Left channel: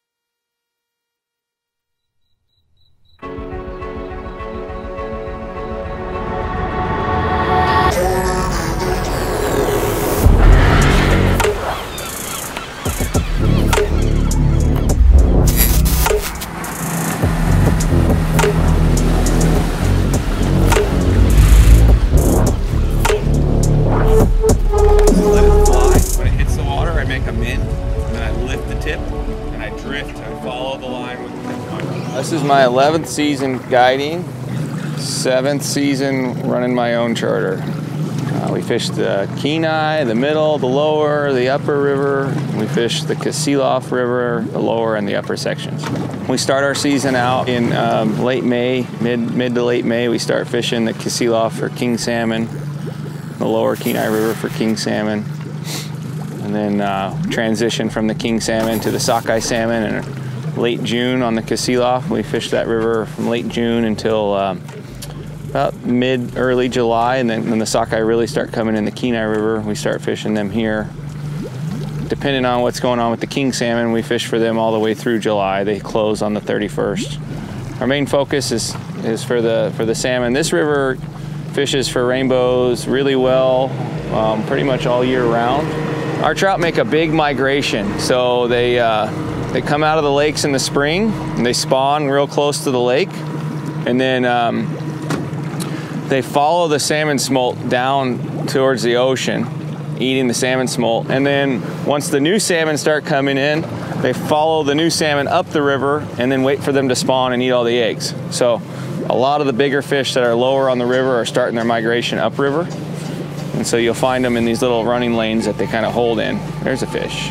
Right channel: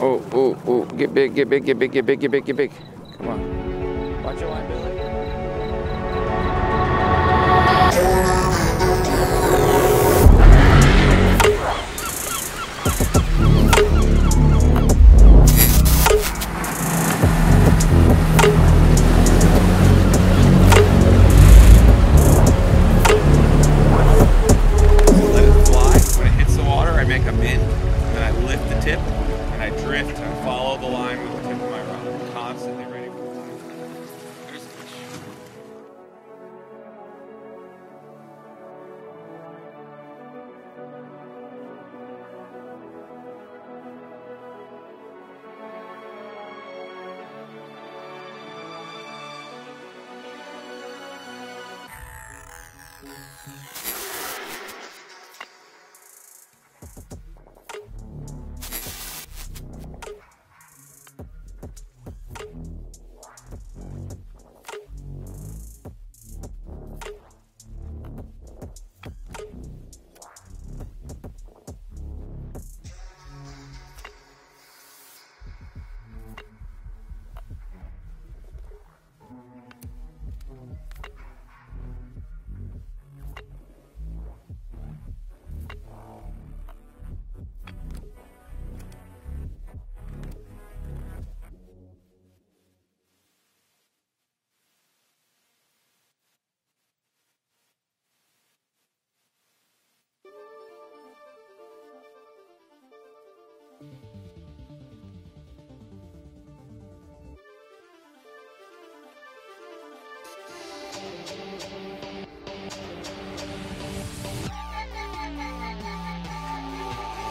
Oh, oh, oh, get big, get big, get big, get big, get big, get big. Come on. Watch your line. Let it fly. When it hits the water, I make a min, and then I lift the tip, and I drift and follow the line with the tip of my rod. This is my 11th season guiding, 7th season running my own charter. We fished the Kenai, the middle, the lower, the upper river. We fished the Kasilof River, the lower and the upper sections. We start our season out in late May, mid to late May. We start fishing the Kasilof for king salmon, the lower Kenai River for king salmon, and then transition from the king salmon to the sockeye salmon. And late June on the Kasilof, we fished that river from late June until about early July, and then when the sockeye really start coming in the Kenai River, we start fishing them here. Depending on what's going on with the king salmon, we fish for them all the way through July. They close on the 31st. Our main focus is for the salmon. This river fishes for rainbows really well, pretty much all year round. Our trout make a big migration, so they come out of the lakes in the spring and they spawn real close to the lake, and then they follow the salmon smolt down towards the ocean, eating the salmon smolt. And then once the new salmon start coming in, they follow the new salmon up the river and then wait for them to spawn and eat all the eggs. So a lot of the bigger fish that are lower on the river are starting their migration upriver. And so you'll find them in these little running lanes that they kind of hold in. There's a fish.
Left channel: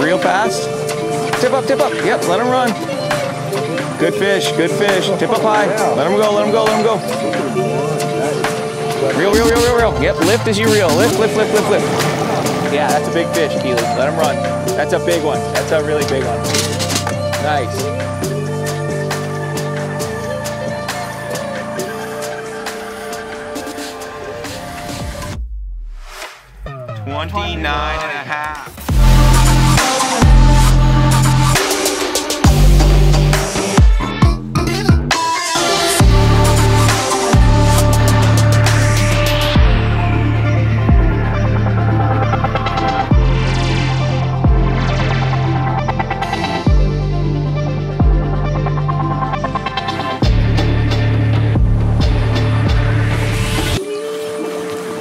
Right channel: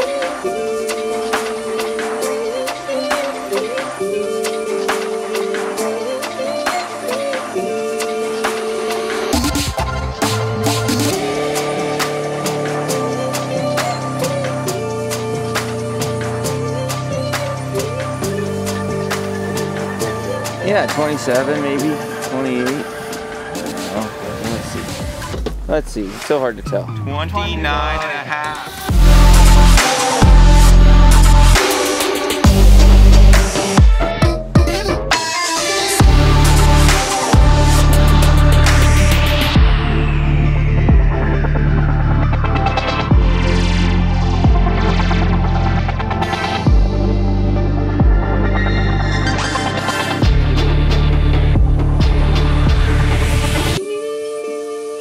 Real fast. Tip up, tip up. Yep, let him run. Good fish, good fish. Tip up high. Let him go, let him go, let him go. Reel, reel, reel, reel, reel. Yep, lift as you reel. Lift, lift, lift, lift, lift. Yeah, that's a big fish, Keely. Let him run. That's a big one. That's a really big one. Nice. Yeah, 27, maybe 28. Oh, let's see. It's so hard to tell. 29 and a half.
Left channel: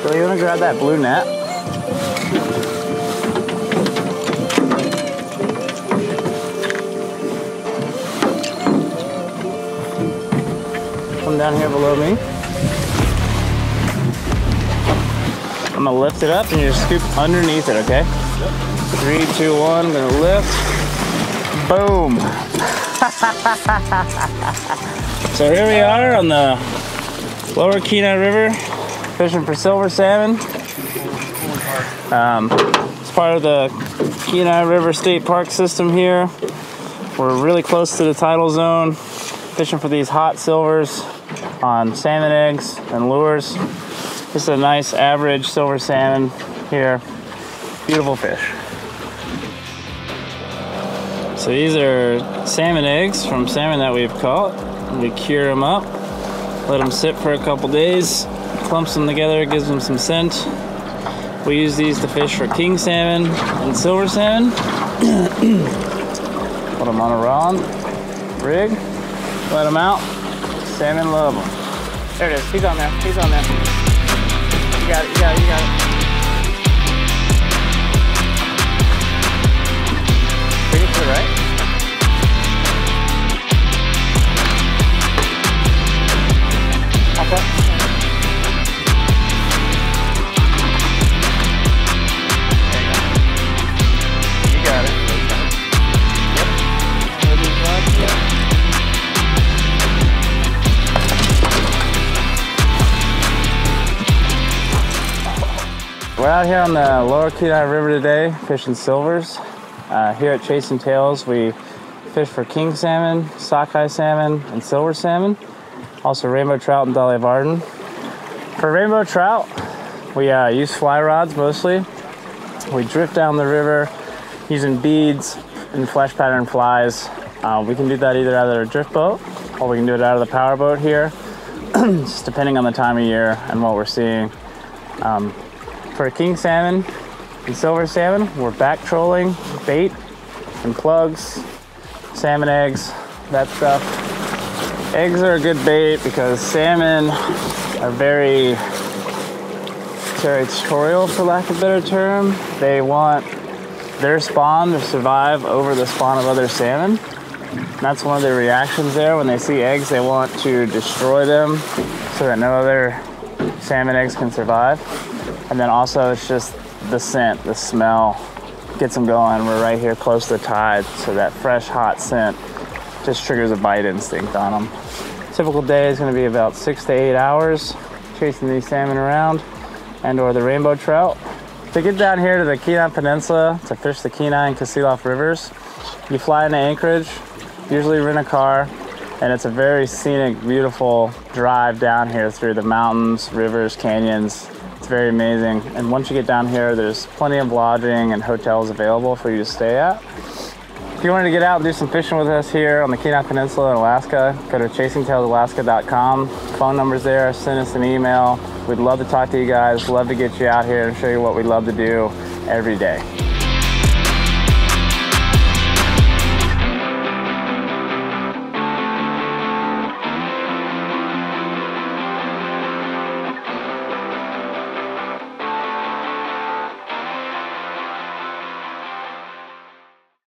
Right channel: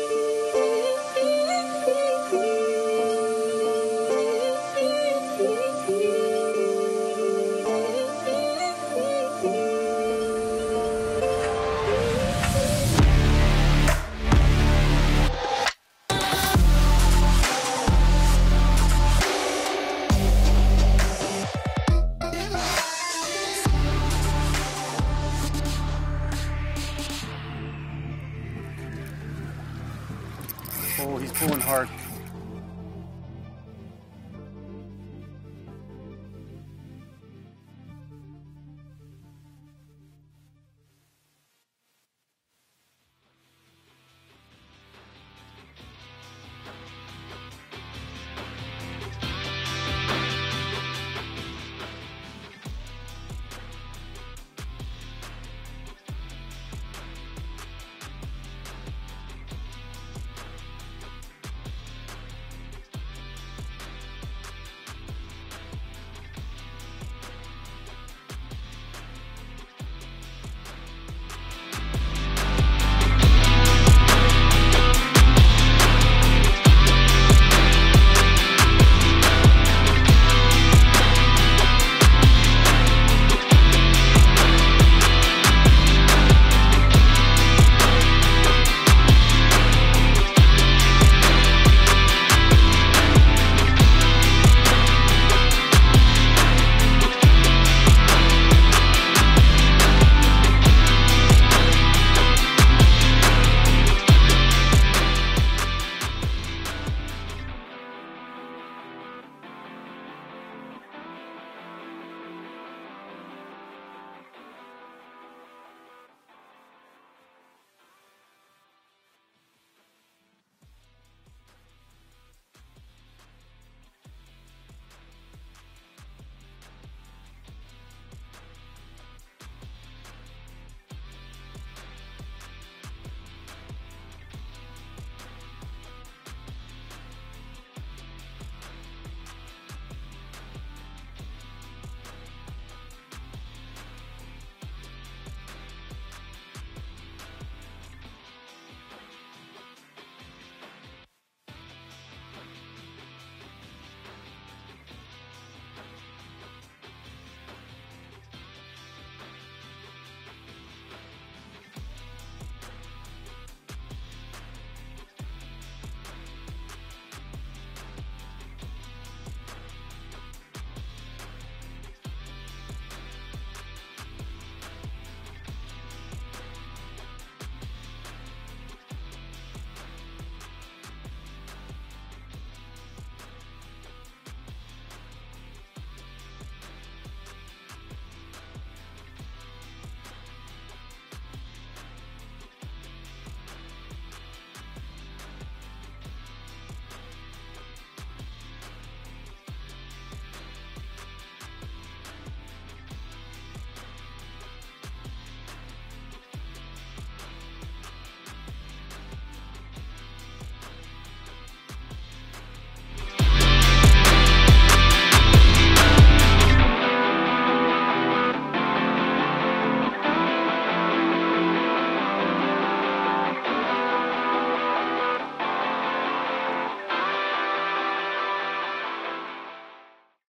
So you want to grab that blue net? Down here below me. I'm gonna lift it up and you just scoop underneath it, okay? 3, 2, 1, gonna lift. Boom. So here we are on the lower Kenai River, fishing for silver salmon. He's pulling hard. It's part of the Kenai River State Park system here. We're really close to the tidal zone, fishing for these hot silvers on salmon eggs and lures. Just a nice average silver salmon here. Beautiful fish. So these are salmon eggs from salmon that we've caught. We cure them up, let them sit for a couple days, clumps them together, gives them some scent. We use these to fish for king salmon and silver salmon. Put them on a rod, rig, let them out. Salmon love them. There it is. He's on there. He's on there. You got it. You got it. You got it. Bring it to the right. Hop up. You got it. We're out here on the lower Kenai River today, fishing silvers. Here at Chasing Tails, we fish for king salmon, sockeye salmon, and silver salmon. Also rainbow trout and Dolly Varden. For rainbow trout, we use fly rods mostly. We drift down the river using beads and flesh pattern flies. We can do that either out of our drift boat or we can do it out of the power boat here, just depending on the time of year and what we're seeing. For king salmon and silver salmon, we're back trolling bait and plugs, salmon eggs, that stuff. Eggs are a good bait because salmon are very territorial, for lack of a better term. They want their spawn to survive over the spawn of other salmon. And that's one of their reactions there. When they see eggs, they want to destroy them so that no other salmon eggs can survive. And then also it's just the scent, the smell gets them going. We're right here close to the tide, so that fresh, hot scent just triggers a bite instinct on them. Typical day is going to be about 6 to 8 hours chasing these salmon around and or the rainbow trout. To get down here to the Kenai Peninsula to fish the Kenai and Kasilof rivers, you fly into Anchorage, usually rent a car, and it's a very scenic, beautiful drive down here through the mountains, rivers, canyons. It's very amazing. And once you get down here, there's plenty of lodging and hotels available for you to stay at. If you wanted to get out and do some fishing with us here on the Kenai Peninsula in Alaska, go to ChasingTalesAlaska.com. Phone number's there, send us an email. We'd love to talk to you guys, love to get you out here and show you what we love to do every day.